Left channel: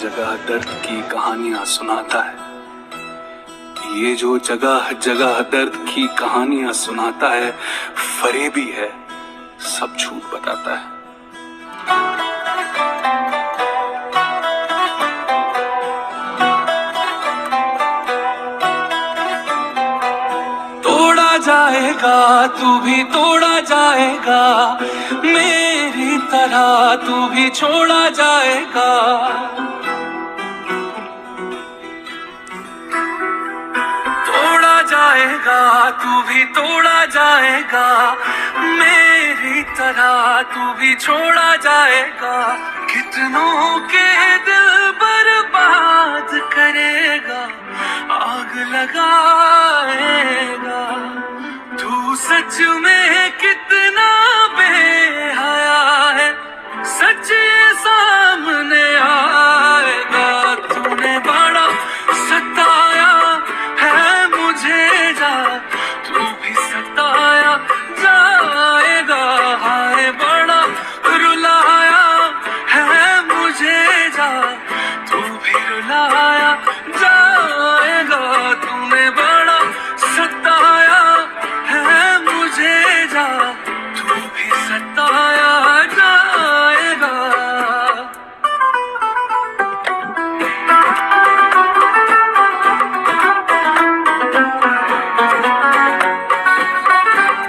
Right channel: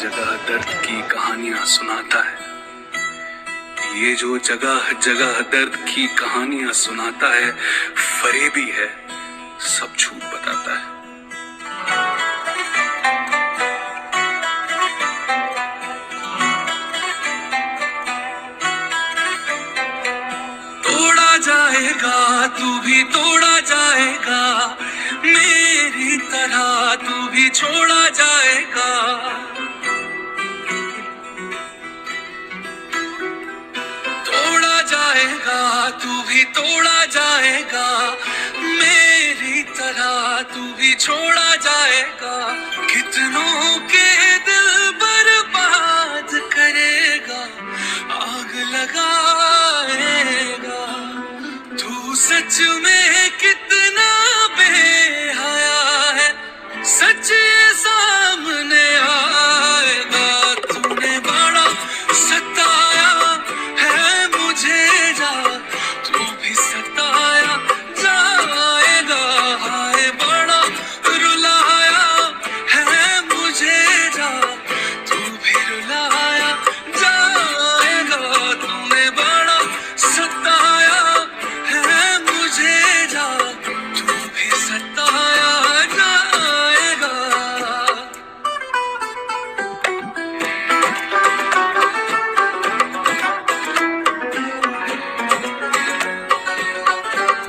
जगह दर्द की कहानियां सुनाता है। ये जो जगह जगह दर्द की कहानियां सुनाता है, फरेबी है, सब झूठ बताता है। तोड़ा जाएगा तू भी तोड़ा जाएगा, मेरी तरह तू भी छोड़ा जाएगा। तोड़ा जाएगा तू भी तोड़ा जाएगा, मेरी तरह तू भी छोड़ा जाएगा। कितनों के दिल बर्बाद करेगा, आग लगाएगा। तू सच में कितना बेहया है, सच सामने आएगा। तूने बड़ा सताया है मुझे, जा तू भी सताया जाएगा। हाय बड़ा रुलाया है मुझे, जा तू भी रुलाया जाएगा। तूने बड़ा सताया है मुझे, जा तू भी सताया